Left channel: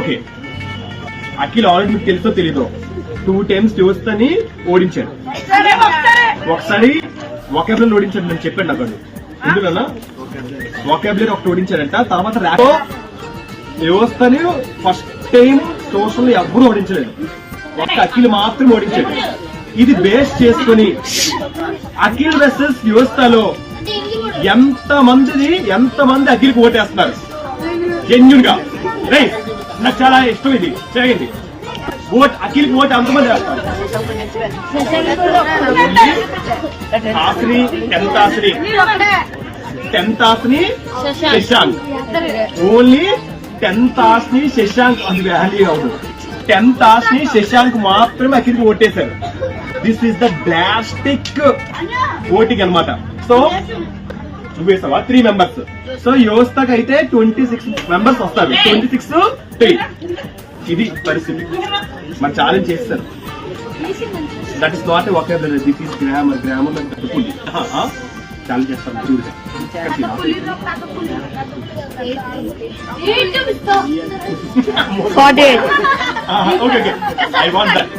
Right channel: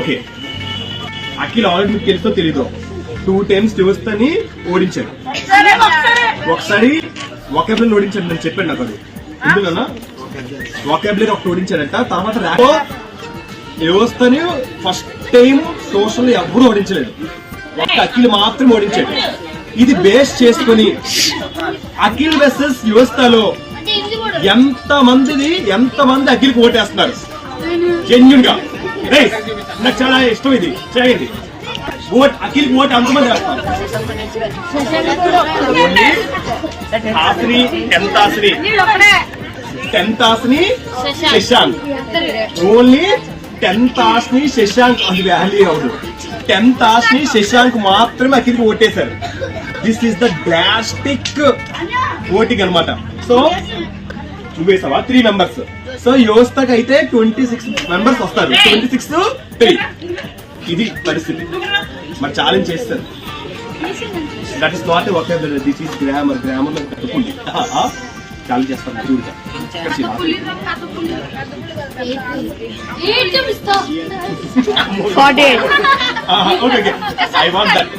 Okay, Akhil already మీకు తెలుసో తెలీదో 2 times యువస్తని ఓడించాడు. ఒకసారి వొకాబులరీ ఓడించాడు, నేను చెప్పాను నాకు అది. ఇందులోనా వొకాబులరీ ఒకటి ఓడించాడంట. తర్వాత ర్యాప్ యువస్తని ఫస్ట్ టైం సోషల్ ఎవరు ఓడించలేదు, ఒక్క అఖిల్ మాత్రం ఓడించాడు. ఇది బేస్ చేసుకుని అఖిల్ వర్సెస్ యువస్తలో ఎంతమంది అఖిల్కి ఓటేస్తున్నారు జెన్యున్ గా. రైట్, నాకు చాలా ఇష్టం ఇది. చేయండి ఓట్, అఖిల్కి ఓట్ ఎంతమంది వేస్తారు? టెన్త్ ఆస్ని శశాంక్, ఓన్లీ 10th ఆస్ని శశాంక్. అది వాల్యూ అవును. 10th ఆస్ని శశాంక్ మాత్రమే అఖిల్కి ఓటేశారు. This is the drastic voting అనమాట. సో నువ్వు వేసావా 3 members. సో యువస్తకి అయితే 26 members వస్తారు. 26-3 ఇది పరిస్థితి. మరి ఛాలెంజ్ చేస్తారు. That is not a vocabulary, this is grammar. Grammar లో తప్పుంది. ఛాలెంజ్ చేస్తారు గురువుగా. Okay, I want that.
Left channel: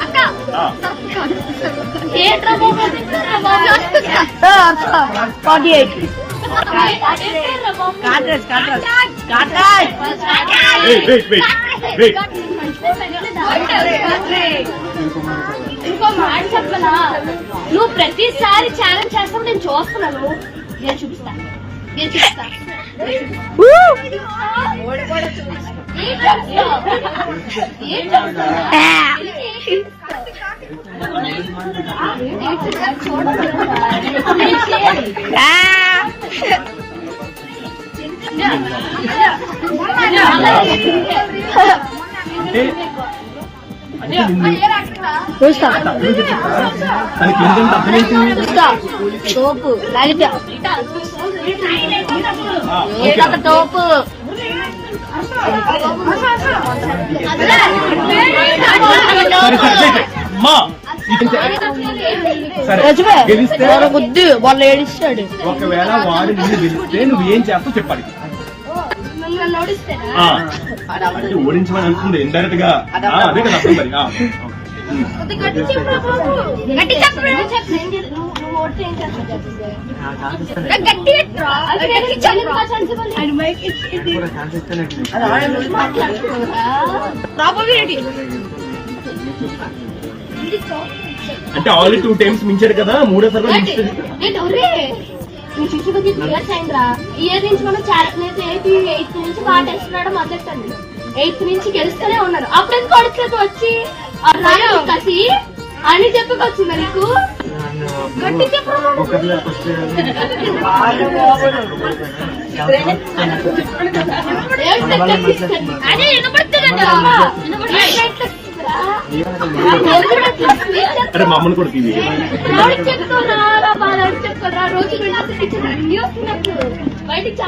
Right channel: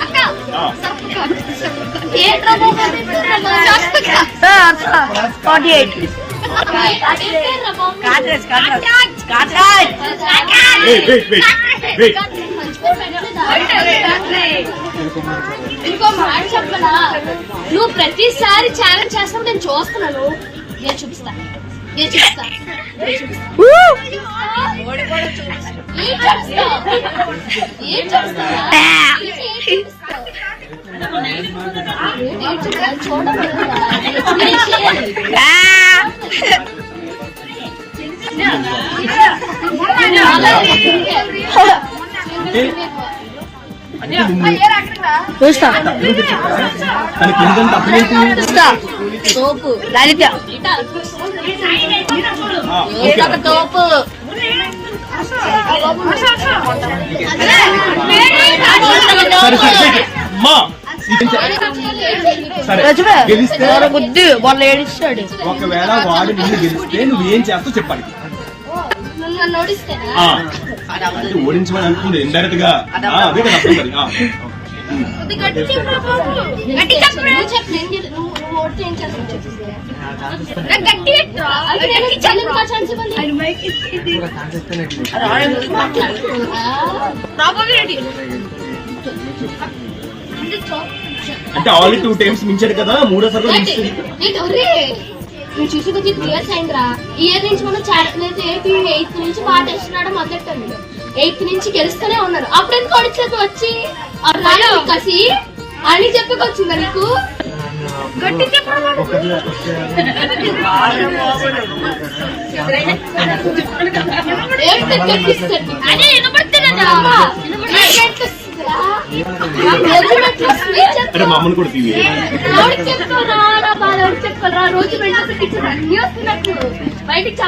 ఇంకో మాట చెప్పనా, నువ్వు ప్రతిసారి ఛాలెంజ్ చేస్తావు, నేను చూస్తున్నాను. నేను చూపిస్తా. తనకి ఏంటంటే అప్పుడేంటి తోపు లలిత తోపు. గెలిస్తే ఒకవేళ వాడు నిన్ను గెలిస్తే నువ్వేం చేస్తావు చెప్పాలి. అంటే ఓడించమని అనుకుంది ఇండైరెక్ట్ గా. అదే కదా అర్థం మరి. అంటే ఆల్రెడీ 2 times మించాడు కదా, 3వ సారి నువ్వు చూసి కొద్ది 3 years అయిందిరా. ఇయర్ నుంచి మనం చాట్లేదు. 8th నుంచి బాగా టెస్ట్ రావడం మొదలెట్టాను. 8th నుంచి గెలుస్తూనే ఉన్నారు. అప్పుడు ఎందుకు ఓడించలేదు వచ్చి కసి అని చెప్పుకొచ్చిందా నీకు? అంటే మా అమ్మని కూడా తీవి రోజు బయటికి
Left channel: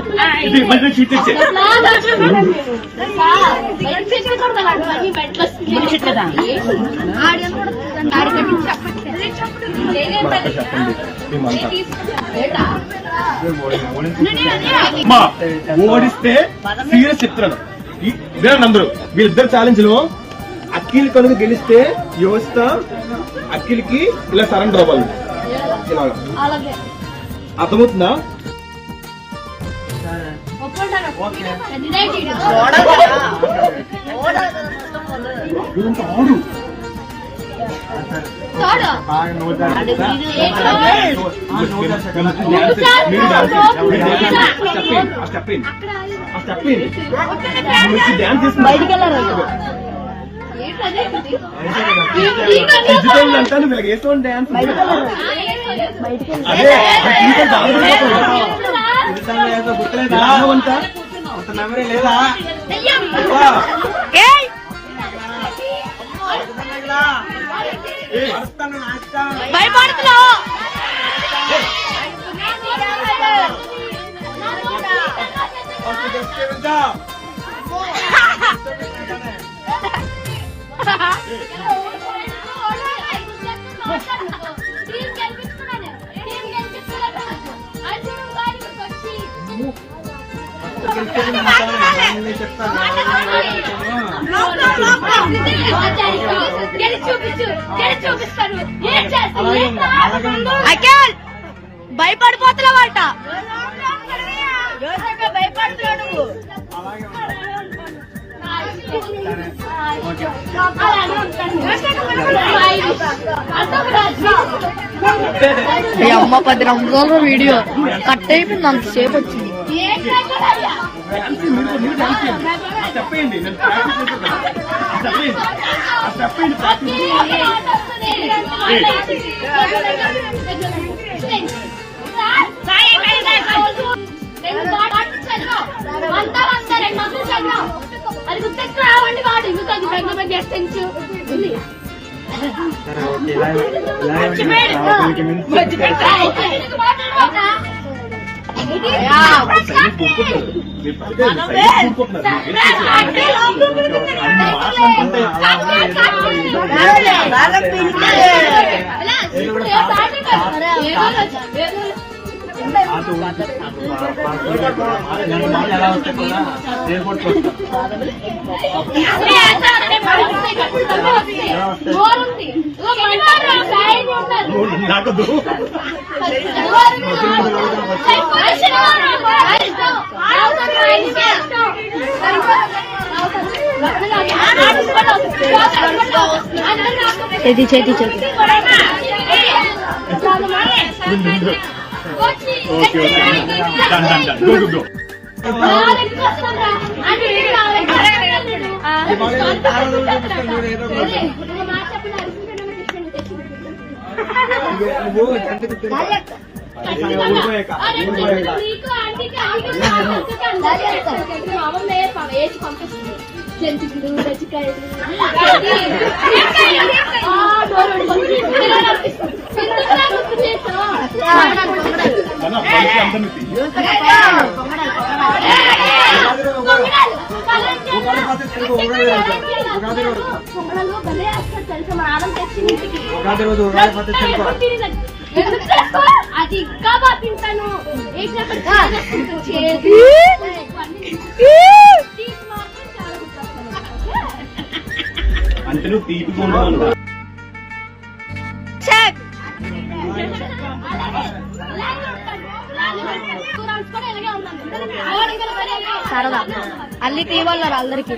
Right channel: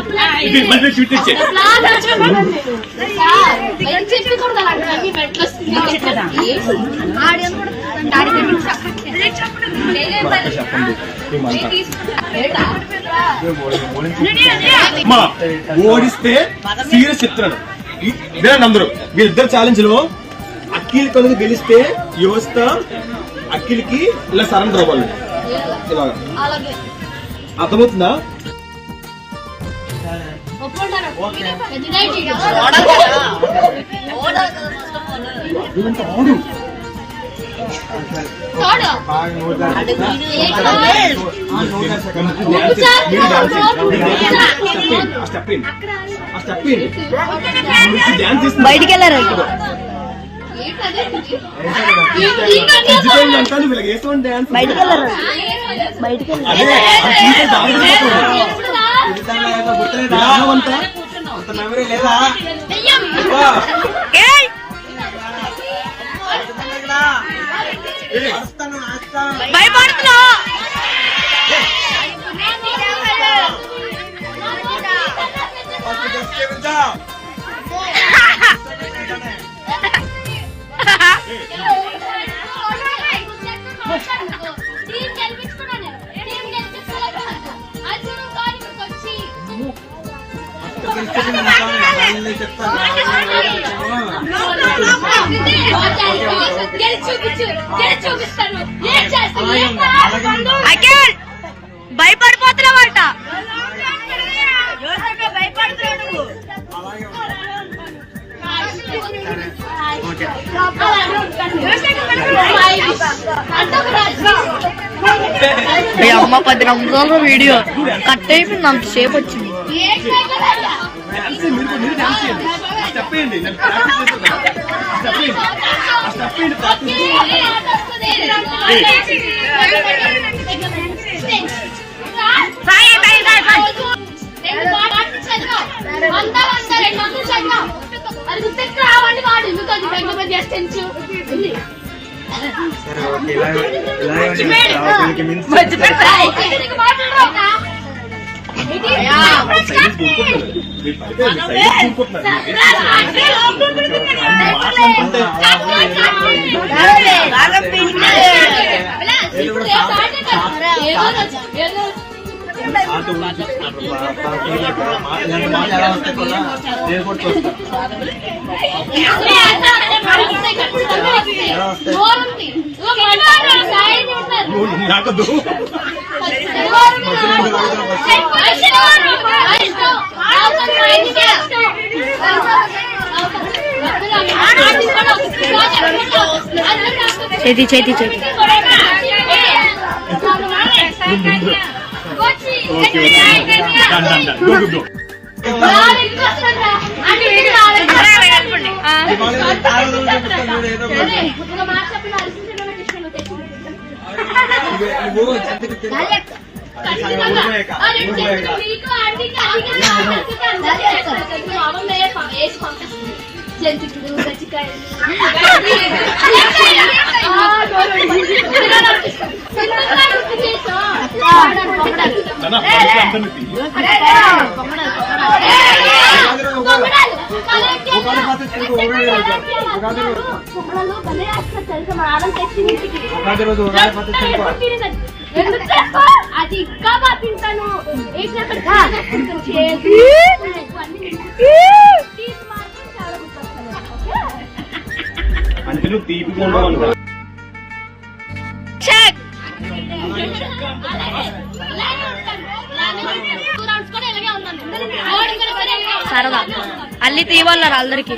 ఓడిస్తే సీరియస్ చెప్తున్నాను వినండి అందరూ. వీళ్ళిద్దరు ఛాలెంజ్ లో అఖిల్ కనుక గెలిస్తే యువస్థ అఖిల్కి ఇలా సరెండర్ అవ్వాలి. ఇలాగా అర్థమవుతుందా? ఆడు బయటికి వెళ్ళారు. అంటాను వీళ్ళకి వేసుకోండి డాన్స్. బయటికి వెళ్ళారు. బయటికి మెమరీ లేదా? భయపడుతున్నా చెప్తాను గెలిచి చూపించు, గెలిచి చూపిస్తాను. ఏం చేస్తాను? ఏం అఖిల్ భయపడిపోతున్నావంట. అమ్మ 10 నిమిషాలు వీడియో కట్ అయిపోయింది, అంతసేపు వచ్చింది. చెప్పండి నేను ప్రాక్టీస్ చేస్తున్నాను. చెప్పండి ప్రాక్టీస్ అది గుర్తెక్కు రావండి వాడు మీకు అది బెంగ చేస్తూ నాకదు చేతి చేతి చేతి okay done done done go go జంతికుడు గచ్చికాయలు అది ఇంకా బాగా తింటాను. అందుకని తీపిగా ఉంటాయి. సరదా అల్లి తీవాలన్నారు అందరికి.